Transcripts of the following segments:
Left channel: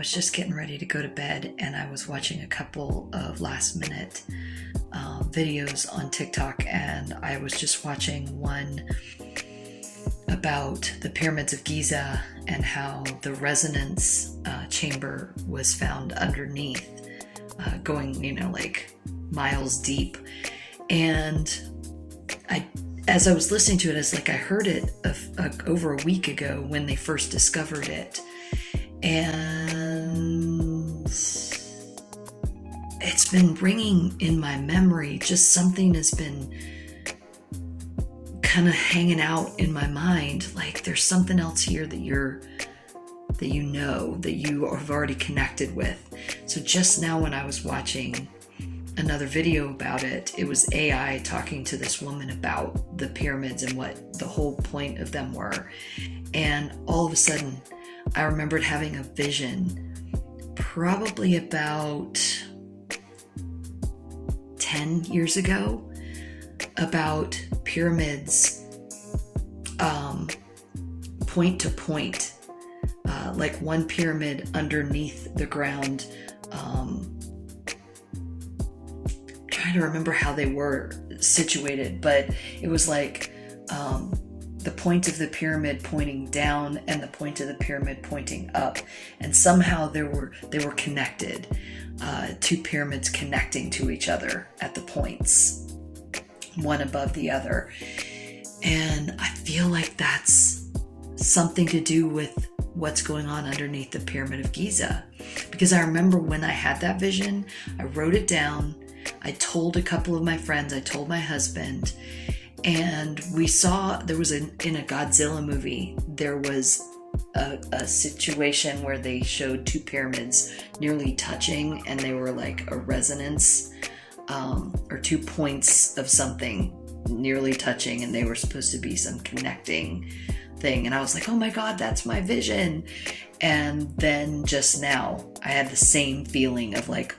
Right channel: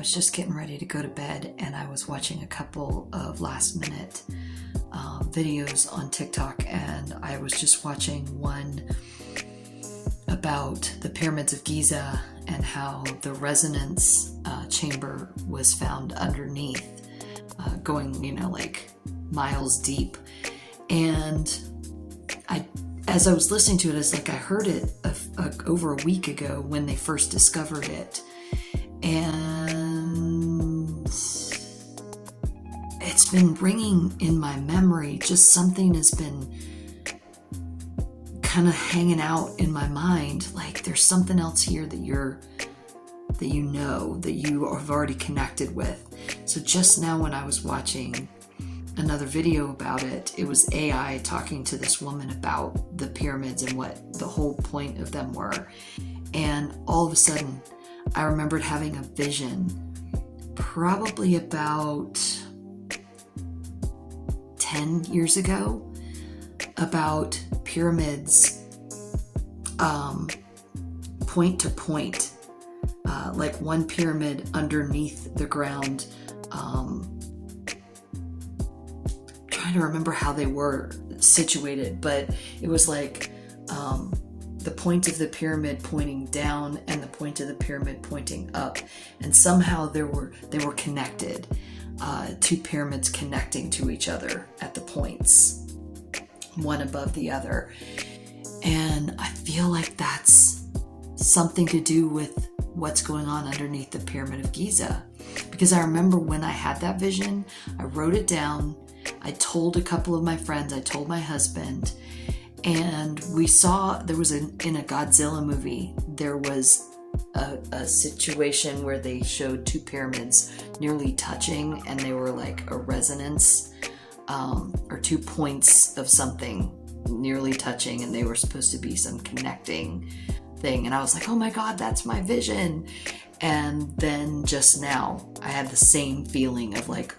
was just getting ready to go to bed, and I was watching a couple of last minute videos on TikTok, and I was just watching one about the pyramids of Giza and how the resonance chamber was found underneath, going, like miles deep. And as I was listening to it, it's like I heard it over a week ago when they first discovered it. And it's been ringing in my memory. Just something has been kind of hanging out in my mind. Like there's something else here that you have already connected with. So just now when I was watching another video about it, it was AI talking to this woman about the pyramids and what the whole point of them were. And all of a sudden, I remembered having a vision probably about 10 years ago about pyramids point to point, like one pyramid underneath the ground. Trying to remember how they were situated, but it was like the point of the pyramid pointing down and the point of the pyramid pointing up, and somehow they were connected, two pyramids connecting to each other at the points, one above the other. And I feel like that's something to do with what's going on underneath the Pyramid of Giza, because I remember when I had that vision, I wrote it down. I told a couple of my friends, I told my husband, and we saw in a Godzilla movie, there was a situation where they showed two pyramids nearly touching, and they were like a resonance, or 2 points of something nearly touching, and they were supposed to be some connecting thing. And I was like, oh my God, that's my vision. And then just now I had the same feeling of like,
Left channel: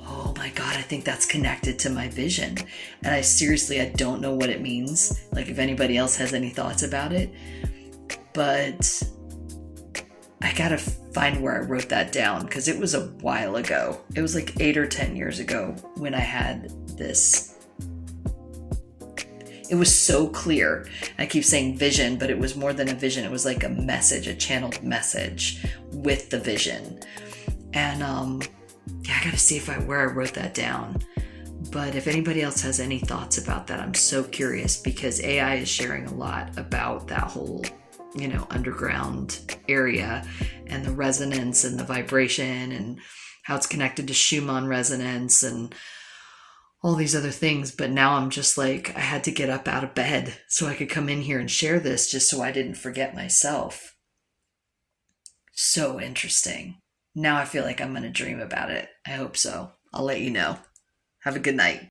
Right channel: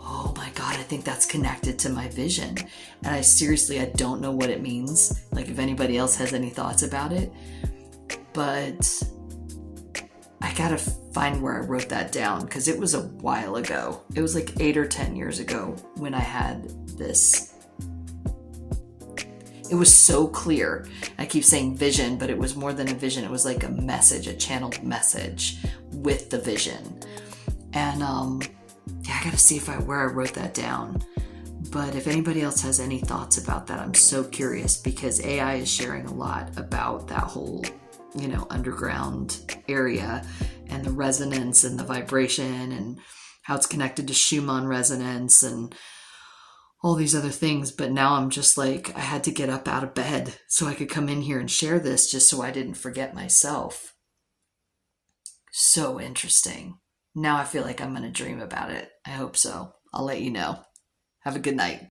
oh my God, I think that's connected to my vision. And I don't know what it means. Like if anybody else has any thoughts about it, but I gotta find where I wrote that down, because it was a while ago. It was like 8 or 10 years ago when I had this. It was so clear. I keep saying vision, but it was more than a vision. It was like a message, a channeled message with the vision. And I gotta see where I wrote that down. But if anybody else has any thoughts about that, I'm so curious, because AI is sharing a lot about that whole, underground area and the resonance and the vibration and how it's connected to Schumann resonance and all these other things. But now I'm just like, I had to get up out of bed so I could come in here and share this, just so I didn't forget myself. So interesting. Now I feel like I'm going to dream about it. I hope so. I'll let you know. Have a good night.